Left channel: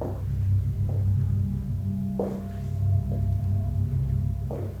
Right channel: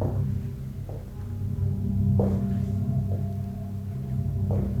Thank you.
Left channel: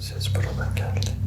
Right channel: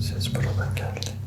Ses buradan geldi.